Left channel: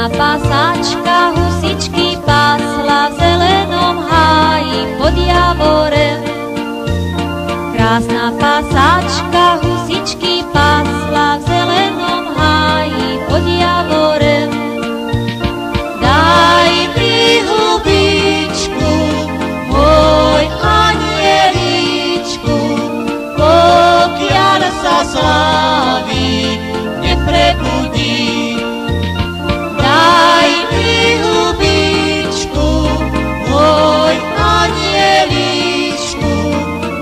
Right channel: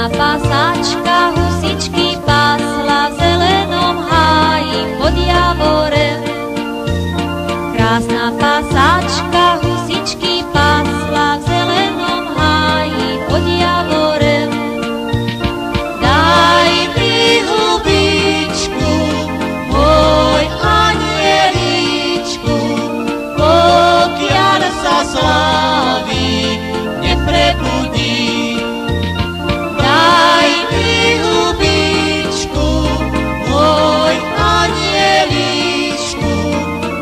Krásna pasáčka husičky pásla v zelenom háji pod javorem. Krásna pasáčka husičky pásla v zelenom háji pod javorem. Daj mi hubičku, môj anieličku, pokiaľ sa slávik neprebudí. Daj mi hubičku, môj anieličku,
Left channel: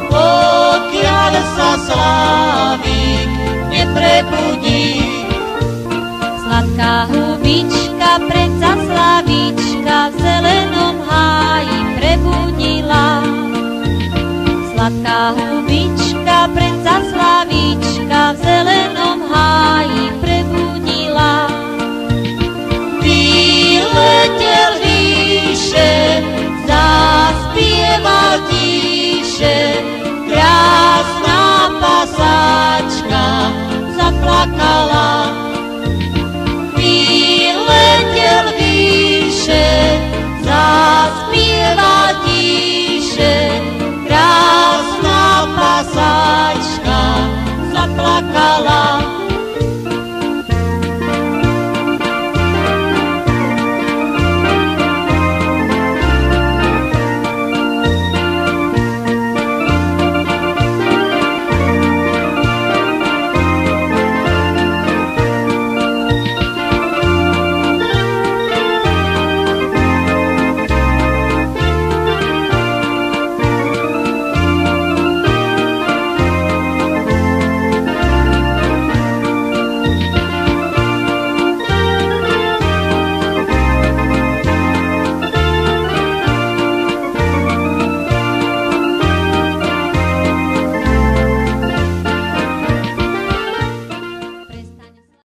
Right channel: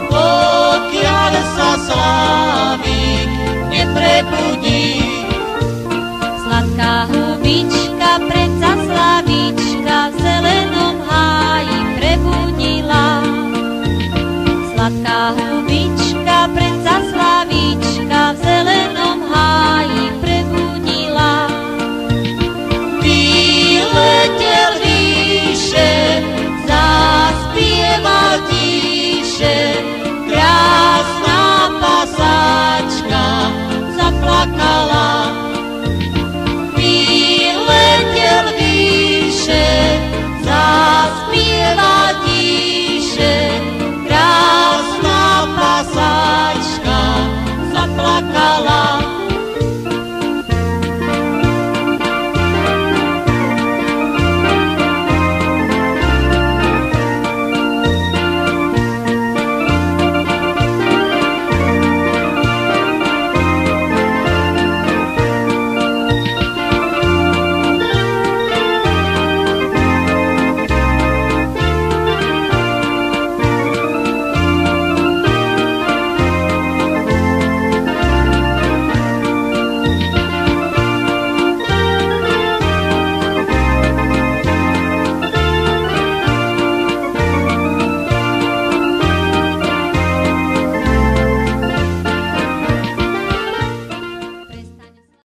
pokiaľ sa slávik neprebudí.